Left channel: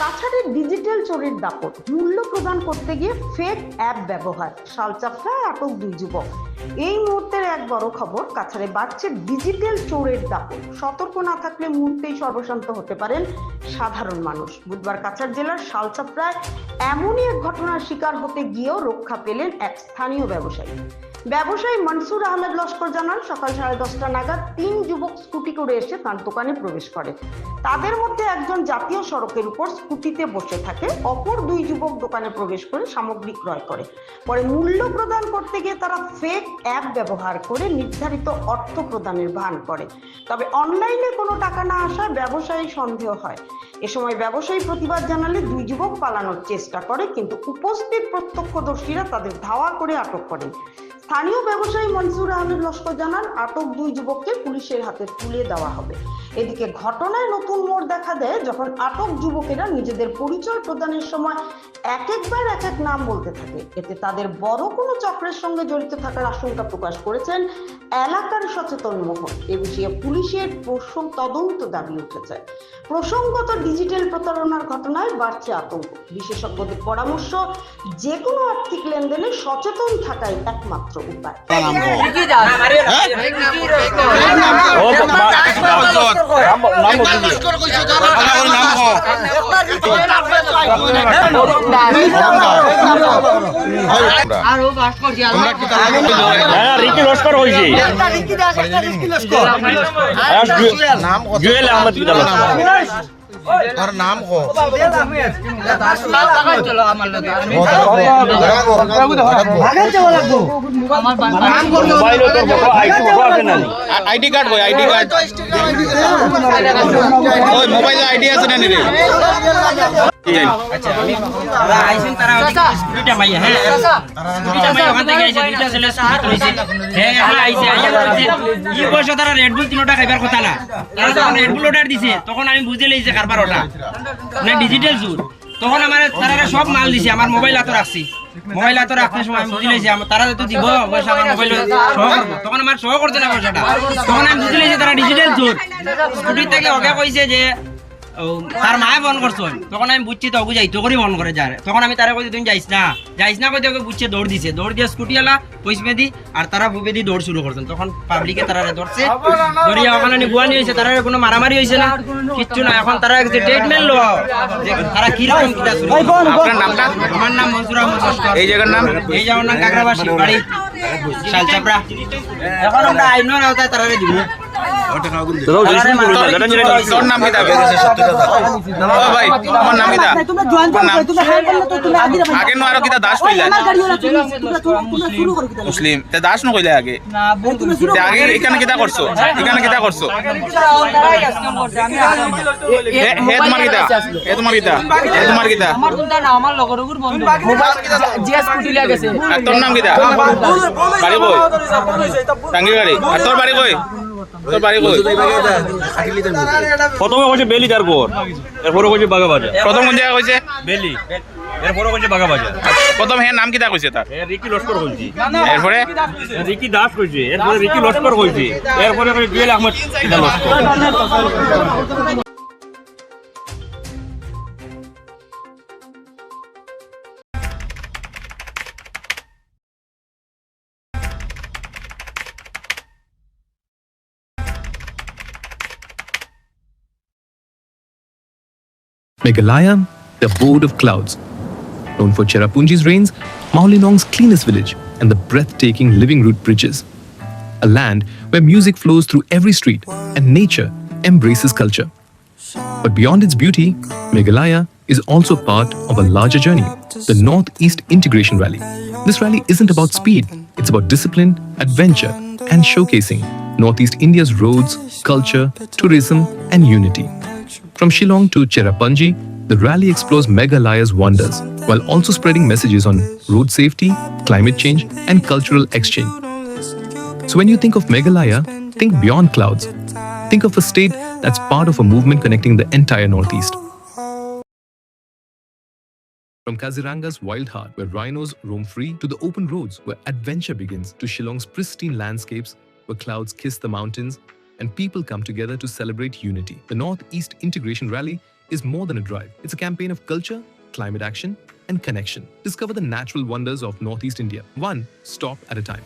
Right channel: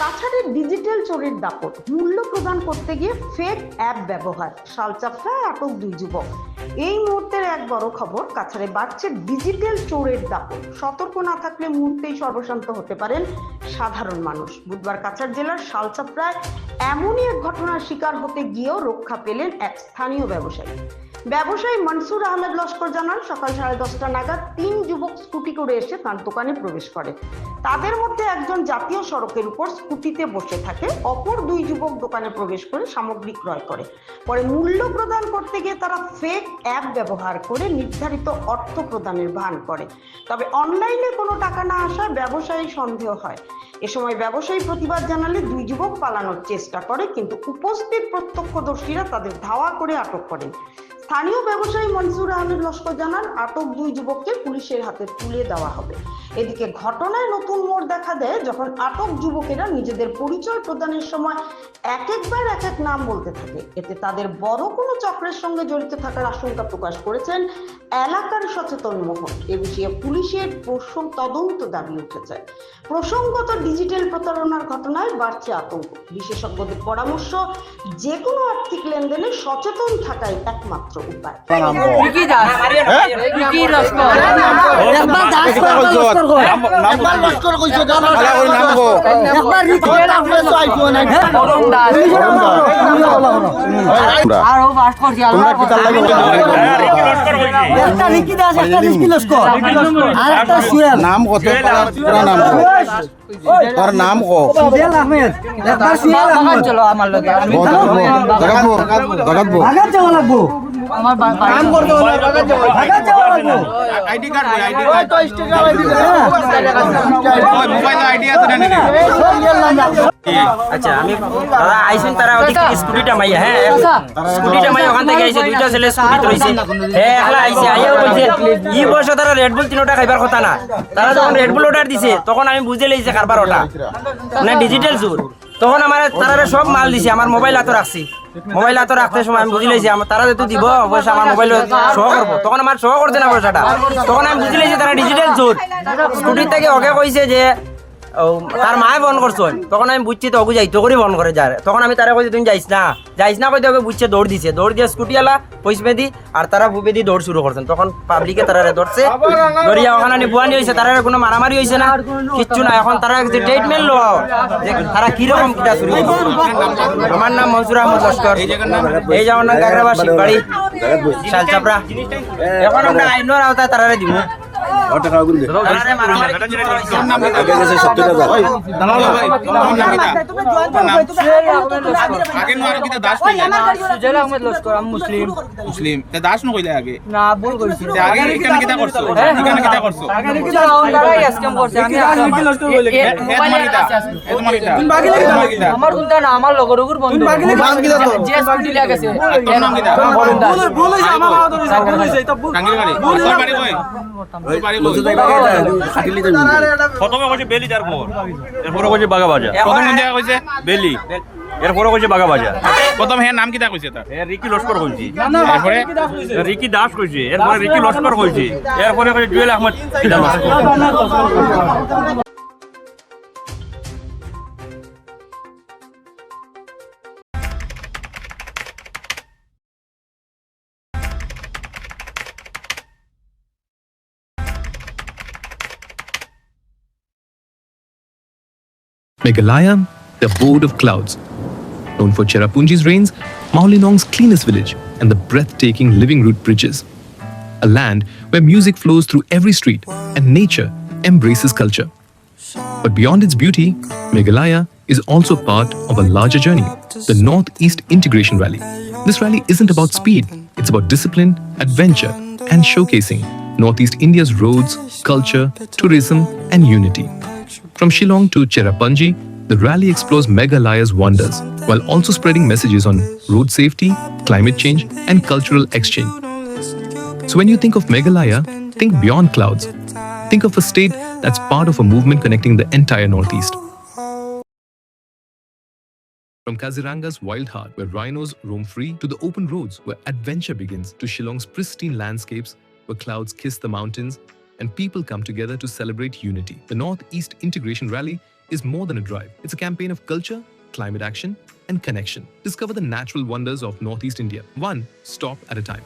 কাছাড়ের ডিজিটাল চোরের দাপট, মূল্য প্রদান করতে গিয়ে ফেক অ্যাপ ব্যবহার, শালচাপড়ায় আটক 2 যুবক। এই মুহূর্তের এক বড় খবর, কাছাড়ে বাড়ছে ডিজিটাল চোরের দাপট। সতর্ক না থাকলে মুহূর্তেই সর্বশান্ত হতে পারেন সাধারণ মানুষ। বুধবার কাছাড় জেলার শালচাপড়ায় এমনই এক ঘটনার শিকার হতে গিয়েও রক্ষা পেলেন এক স্থানীয় ব্যবসায়ী মনসুর আহমেদ লস্কর জানান, সকাল 10:30 নাগাদ 3 যুবক স্কুটি করে এসে তার দোকানে প্রবেশ করে। তাদের মধ্যে একজন জাতীয় সড়কের উপর স্কুটিতে বসে থাকে, অপর 2 যুবক দোকানে প্রবেশ করে সামগ্রী ক্রয় করে। পরে মূল্য প্রদান করতে গিয়ে তারা ফেক অ্যাপ ব্যবহার করে নির্ধারিত অর্থ প্রদানের ভান করে। তবে অনলাইনে কোনো টাকা না আসায় ব্যবসায়ী সন্দেহ হয়। এ সময় ব্যবসায়ী প্রতিবাদ জানালে 2 যুবক পালানোর চেষ্টা করে, কিন্তু উপস্থিত প্রত্যক্ষদর্শীরা তাদের ধাওয়া করে আটক করেন। স্থানীয় ব্যবসায়ী মনসুর আহমেদ লস্কর জানান, আটক 2 যুবককে পুলিশের হাতে তুলে দেওয়া হবে। এদিকে ঘটনায় নতুন মোড় দেখা দেয় যখন আটক যুবকেরা নিজেদের পরিচয় প্রদানের সময় একবার এক এক নাম বলতে থাকে। এতে তাদের বড় কোনো চক্রের সঙ্গে জড়িত থাকার আশঙ্কা প্রকাশ করেছেন এলাকার সচেতন মহল। এ বিষয়ে পুলিশের তদন্ত দাবি উঠেছে। প্রসঙ্গত ডিজিটাল প্রতারণার ঘটনায় বাড়ছে আতঙ্ক। বিশেষজ্ঞদের পরামর্শ, যে কোনো আর্থিক লেনদেনে সচেতন থাকাই একমাত্র উপায়। তার নাম আইডি কার্ড কই আইডি কার্ড ওই মোবাইল আইডি আছে না রে? আচ্ছা আমি দাদা আইসুন তারা ওদিকে স্কুটিটা মাইয়া, হ্যাঁ স্কুটিটা মাইয়া ওখান থেকে আইছে, 2টা ছেলে স্কুটি ধরেছে, হ্যাঁ একলা আইছে, আইয়াও বলছে ই বয়সে তারা রেড বুল 3টা খাইবার কথা না। তারা যখন রেড বুল অর্ডার দিছে তখন আমি বুঝে লইছে কারবার ওটা মানে ডিজিটাল সুর। তখন আমার তারা সব মাল দিছে, আমার মোবাইল হাতে রাখছি, মোবাইল হাতে রাখতে সময় আমি বুঝে লইছি তারা যেহেতু দিব পয়সা আমার মোবাইল সহ করবো, তখন আমার সহ করছে না পয়সাটা। তখন আমি বুঝে লইছি তারা ডিজিটাল সুর। স্কুটির থেকে ওকে কইছে যে তার মায়ে বন করছো, তখন আমি বুঝছি তো ওকে যাইতো করে বন করে যার। তখন আমি তারা কইছি তুমি যাইস না কইতে ওকে বুঝছে, দৌড় দিয়ে স্কুটি আলা পয়সা দি আর তারা বুবে দি দৌড় শুরু করছেন। তখন পাবলিকে তারা ধরছে, ধরিয়া ওখানে বুয়ানি হয়েছে, তারা কোনো মারামারি হয়েছে না, কিচ্ছু না। এখন তারা যে ট্রিটমেন্ট লো তারা কিরকম কিতা শুরু। আমার নাম মনসুর আহমদ লস্কর, এই জায়গার নাম কাকরাবাসী, বাড়ি শালচাপড়া। এখন আমরা আইনের আওতায় তারা দিব। তোর নাম কি? ভাই তোমার নাম কি? আগে নো আরো কিতা দাস কইলা? মুসলিম তে দাস ন কইলা আগে না, ভুল কইছি। তে আগে এখানে কিতা করছো? এখানে কিতা করছো? হে তোমার কিতা? আমার কোনটা না, আমার লগরগুর বন্ধু যে স্কুটি লাগাছে। আর তোর নাম কিতা? বাড়ি কই? টাঙ্গি গাড়ি। আর তোর বাড়ি কই? তোর বাড়ি কই? প্রথমে কইছে বেলি, তারপর এরপরে কইছে বাগা বাজার। প্রথম কোন জায়গা কইছে? বেলি, এরপরে কইছে বাগা বাজার। প্রথম হে নাম কিতা কইছে তার? রিকি লস্কর কইছি, এরপরে রিকি দাস কইছে, এরপরে রিকি লস্কর কইছে, এরপরে কইছে জুয়েল আহমেদ কিতা Laskar. Meghalaya, the abode of clouds. Known for Cherrapunji's rains, Maulinong's cleanest village, and the breathtaking living root bridges. A land where music flows through every street and nature embraces culture. But beyond its beauty, Meghalaya is also part of a larger journey, the Northeast Integration Rally. This rally isn't about speed, it's about discipline, adventure, and showcasing Northeast India's roads, culture, tourism, and unity. From Shillong to Cherrapunji, the rally explores Meghalaya's wonders, while also spreading messages on road safety, climate change, and cultural exchange. So when you think of Meghalaya, think beyond clouds. Think of a state that's part of a movement connecting the entire Northeast. From Kaziranga's wild heart, where rhinos roam free, to the open roads where adventure begins, to Shillong's pristine landscapes, where clouds kiss the mountains and people come together to celebrate unity. The Northeast Integration Rally is more than a drive. It's a campaign of culture, climate action, and connection. Discover the natural wonders of Northeast India, one stop at a time.